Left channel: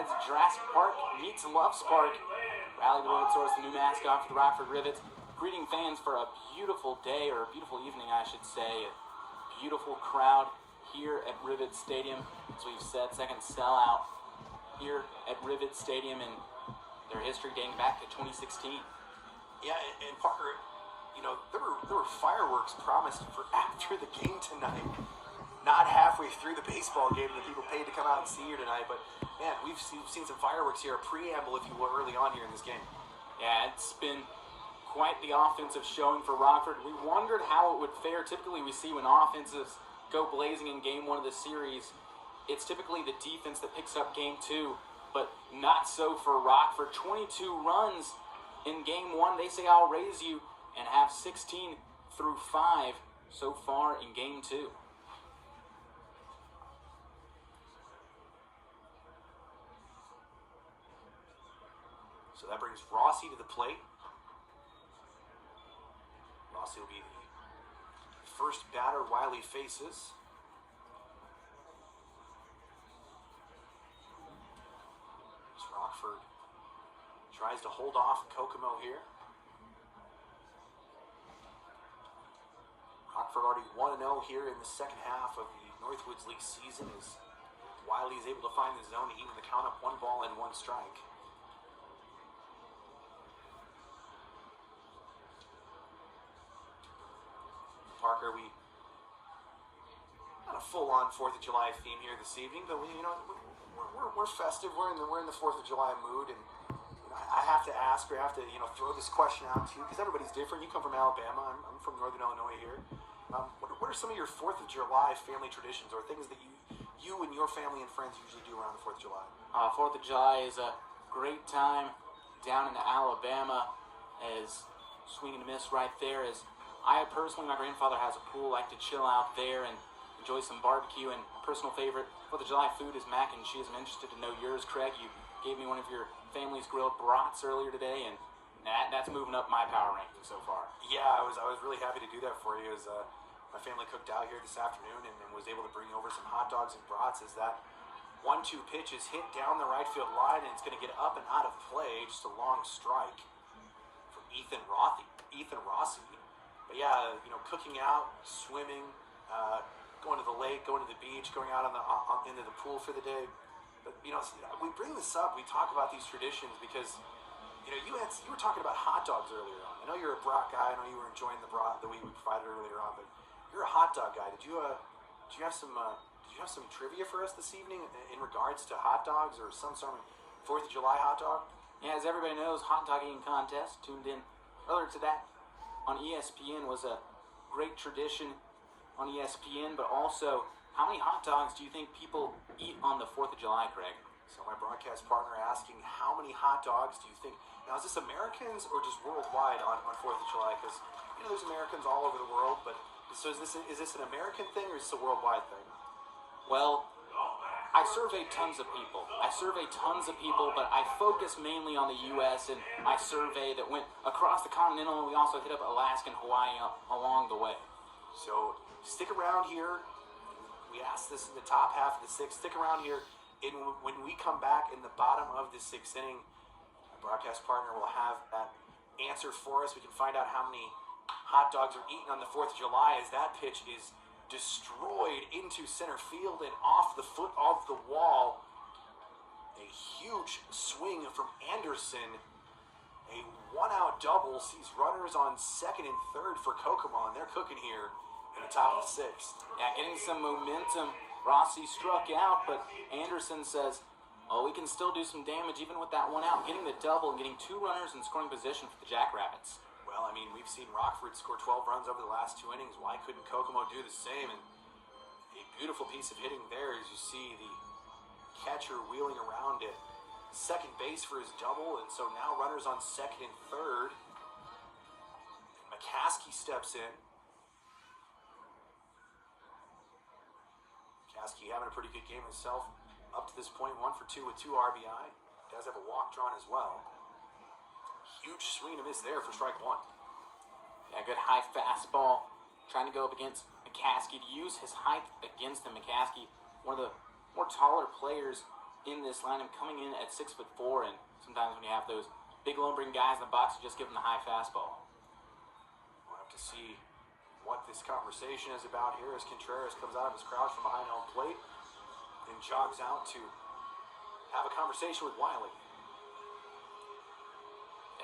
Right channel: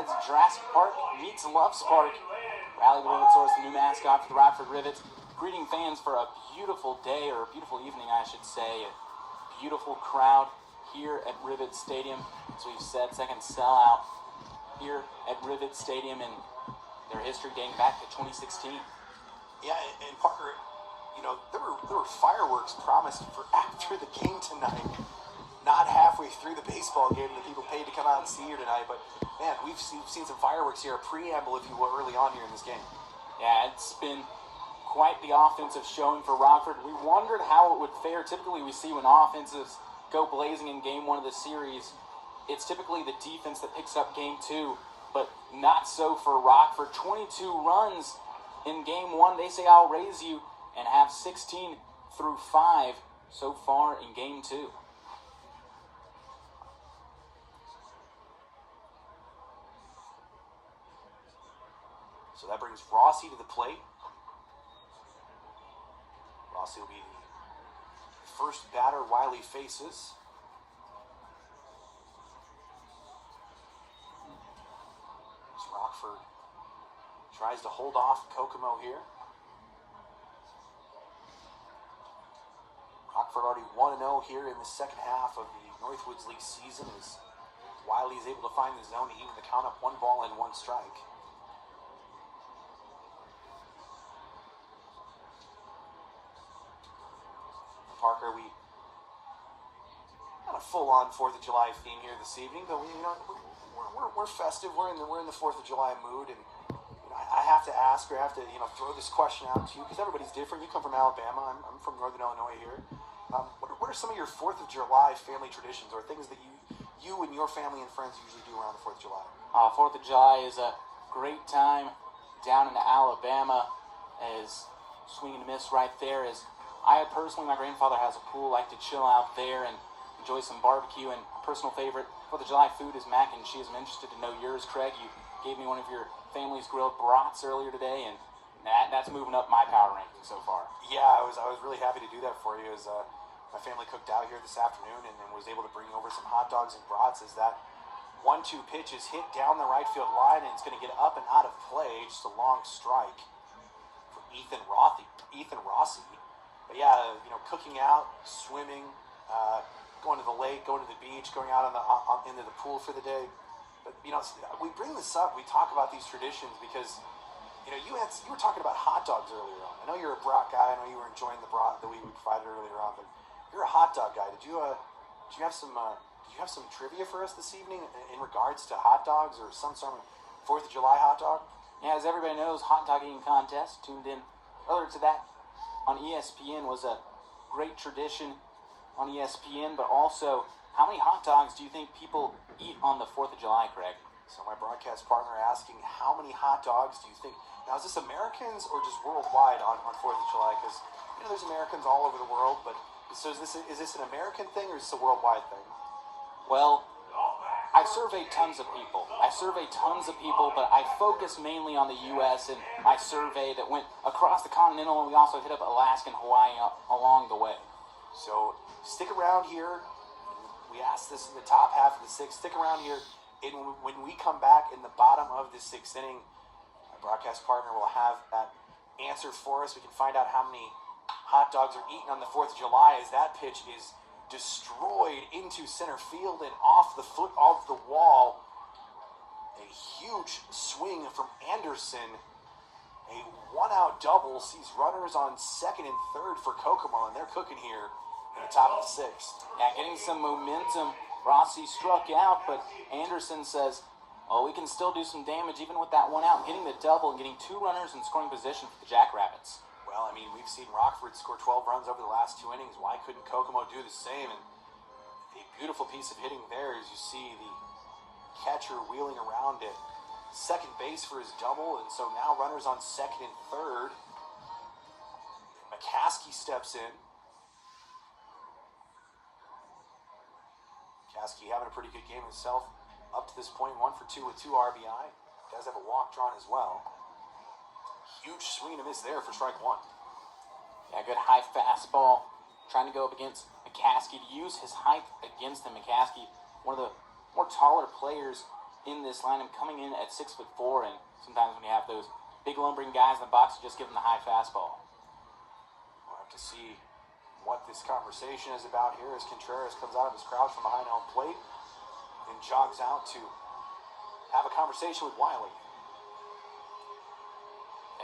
outside of Jurassic Park meets Loves Park. Rally the Rivetsaurus, the new mascot for the Rockford Rivets. Greeting fans for a beautiful day, or a beautiful evening, I should say. A beautiful crowd here at Rivet Stadium. As we've said, second sellout here at Rivet Stadium, and their history dating back to 2016. Yeah, and Parker, you know, there were fireworks promised for after the game tonight. Not halfway through the baseball game that people paid to come out and see here tonight, but man, we've seen some fireworks here, a preamble, if you will, early on here in this game. Yeah, it's been quite the offensive showing for Rockford. We wondered how it would fare. Typically, we see when offenses go blazing in game one of the series, it's typically the defense that picks up game two, but not so for Rockford. 22 runs in game one. They say, I'll raise you, and have 16 through 5 so far in game two. So that brings Rossi to the plate. Rossi will be the first batter Wiley faces. As Rockford tries to hold off Kokomo here. Rockford already 1-0 here in the second half of the Northwoods League season, as Wiley is able to find the zone to even the count up 1 ball and 1 strike. Parker, we not a full-on 4th of July theme here this evening, but we're festive. We're in the 4th of July mood, and I have to ask, or have to throw this question out to you, because everybody's different. You come from Alabama. I'm from Northern Illinois here. What are some of your 4th of July family traditions, or things that you and your family and friends usually do around the 4th of July? 4th of July is a great time down in Alabama. As swing and miss right there. As I personally, my grandfather has a pool, like to chill out there and enjoy some barbecue. And personal favorite 4th of July food is mac and cheese. I'm interested to know yours, Craig. You gave me one of your family's grilled brats earlier today, and that's moving up my power ranking so far. Yeah, I was really happy to do that for you, as my family cooked out here this afternoon and was able to bring over some hot dogs and brats. As that 1-2 pitch is hit down the right field line, and it's going to get up and out of play. Just a long strike from Ethan Rossi. But yeah, cooking out, swimming, going to the lake, going to the beach, going out into the pool for the day. But we bring this up. We talk about these traditions because you were talking about hot dogs earlier on. I know you're a brat guy. I know you were enjoying the brat that we provided earlier on. But you're a hot dog guy. Did you have some trivia for us this evening in regards to hot dogs, or some sort of 4th of July hot dog? Yeah, as everybody knows, hot dog eating contest tuned in earlier to that on ESPN was a great tradition on ESPN, but also, how many hot dogs do you think people eat on the 4th of July, Craig? So my broadcast partner asking, how many hot dogs do you think? Now, is this Americans or just worldwide on 4th of July? Because, there's Americans all over the world, but so is this an American thing, or is this a worldwide thing? Well, I surveyed tons of people, but I focus mainly on the U.S., and I surveyed that went across the continental, and we also hit up Alaska and Hawaii along the way. So stick around here. We asked this in the top half of the 6th. Stick around here, and when we come back in the bottom of the 6th inning, my broadcast partner will have that answer for us. We can find out how many hot dogs are eaten on the 4th of July, as that pitch is destroyed into center field and off the foot of the wall. A huge swing from Anderson. A 1-out double sees runners on 2nd and 3rd for Kokomo, and they're cooking here in the top of the 6th. Yeah, getting some momentum. Rossi struck out, but Anderson says, we can still do some damage even with that 1-out, getting the double and getting 2 runners in scoring position for the Jackrabbits. Well, we've seen Rockford score 12 runs over the last 2 innings. Why couldn't Kokomo do the same? And a beautiful piece of hitting there, as you see the catcher wheeling around at second base for his double. And so now runners on 2nd and 3rd. McCaskey steps in. McCaskey having a pretty good game himself up to this point, 1 for 2 with 2 RBI. Does have a walk drawn as well. Huge swing and a miss there for strike 1. Yeah, good high fastball. Trying to go up against McCaskey, to use his height against him. McCaskey, one of the more taller players in this lineup, coming in at 6'4", and sometimes when you have those big lumbering guys in the box, you just give them the high fastball. We'll have to see what this conversation is about here as Contreras comes out of his crouch from behind home plate and jogs out to have a conversation with Wiley.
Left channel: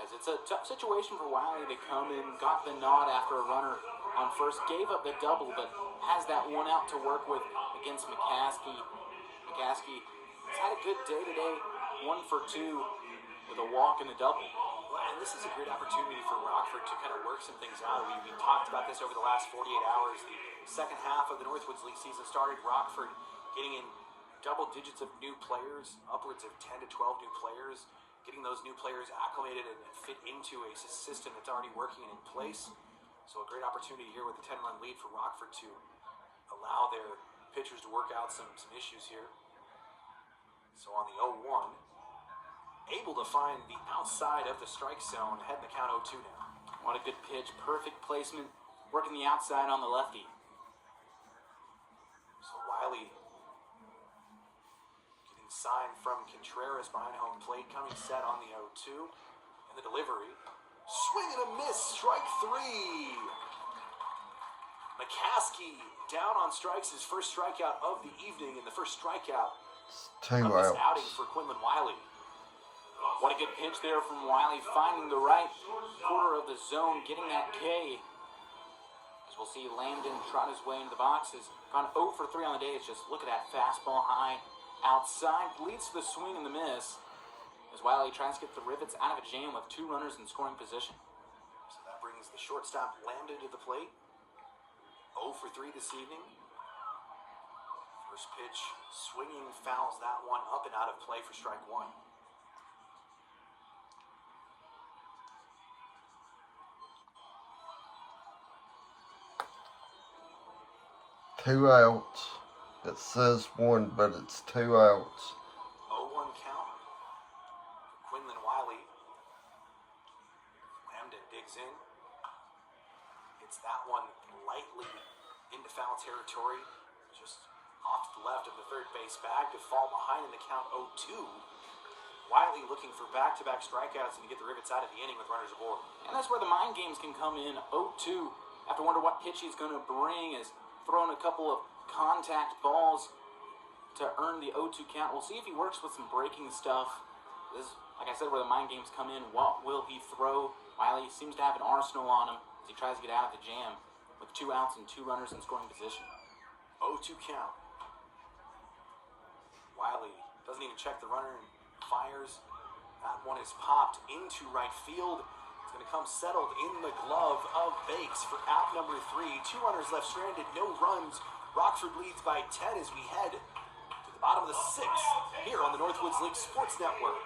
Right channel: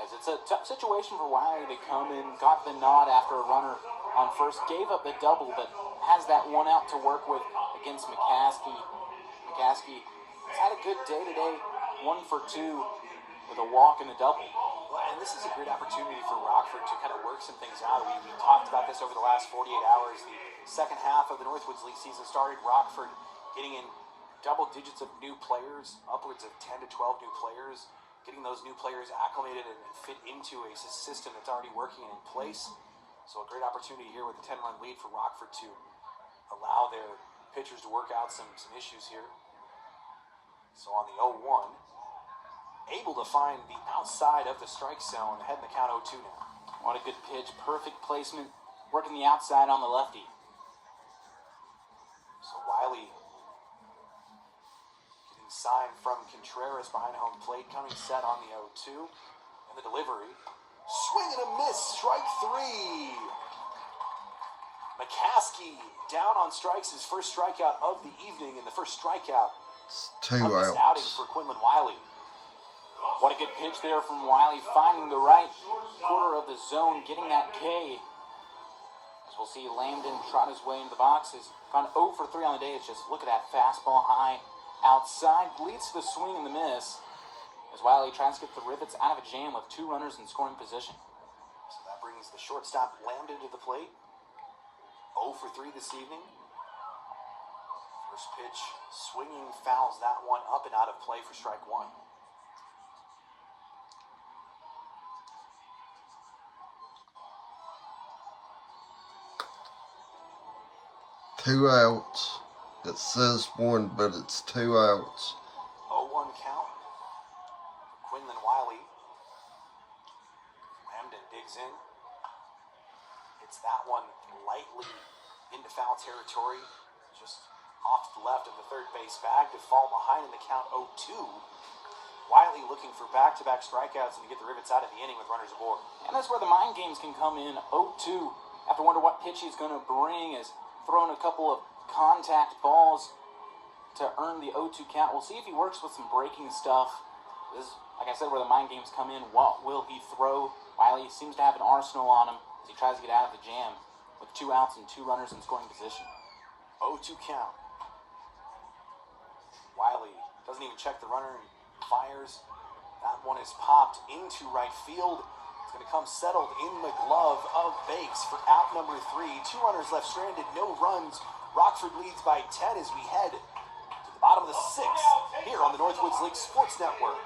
As it's a tough situation for Wiley to come in, got the nod after a runner on first, gave up the double, but has that one out to work with against McCaskey. McCaskey has had a good day today, 1 for 2 with a walk and a double. And this is a great opportunity for Rockford to kind of work some things out. We talked about this over the last 48 hours. The second half of the Northwoods League season started. Rockford getting in double digits of new players, upwards of 10 to 12 new players, getting those new players acclimated and fit into a system that's already working and in place. So a great opportunity here with a 10-run lead for Rockford to allow their pitchers to work out some issues here. So on the 0-1, able to find the outside of the strike zone, heading the count 0-2 now. What a good pitch, perfect placement, working the outside on the lefty. So Wiley getting signed from Contreras behind home plate, coming set on the 0-2. And the delivery, swing and a miss, strike 3. McCaskey down on strikes, his first strikeout of the evening, and the first strikeout Two of this outs. outing for Quinlan Wiley. What a good pitch there from Wiley, finding the right corner of the zone, getting that K. As we'll see, Lambden trot his way into the box, has gone 0 for 3 on the day. It's just, look at that fastball high outside, leads to the swing and the miss, as Wiley tries to get the Rivets out of a jam with 2 runners in scoring position. So that brings the shortstop Lambden to the plate. 0 for 3 this evening. First pitch, swinging, fouls that one up and out of play for strike 1. Two outs. It says 1, but it's 2 outs. 0-1 count for Quinlan Wiley. Lambden digs in. Hits that one lightly into foul territory. Just off to the left of the third base bag to fall behind in the count 0-2. Wiley looking for back-to-back strikeouts and to get the Rivets out of the inning with runners aboard. And that's where the mind games can come in. 0-2. Have to wonder what pitch he's going to bring, as throwing a couple of contact balls to earn the 0-2 count. We'll see if he works with some breaking stuff. This is, like I said, where the mind games come in. What will he throw? Wiley seems to have an arsenal on him as he tries to get out of the jam with 2 outs and 2 runners in scoring position. 0-2 count. Wiley doesn't even check the runner and fires. That one is popped into right field. It's going to come settled in the glove of Bakes for out number 3. 2 runners left stranded, no runs. Rockford leads by 10 as we head to the bottom of the 6th here on the Northwoods League Sports Network.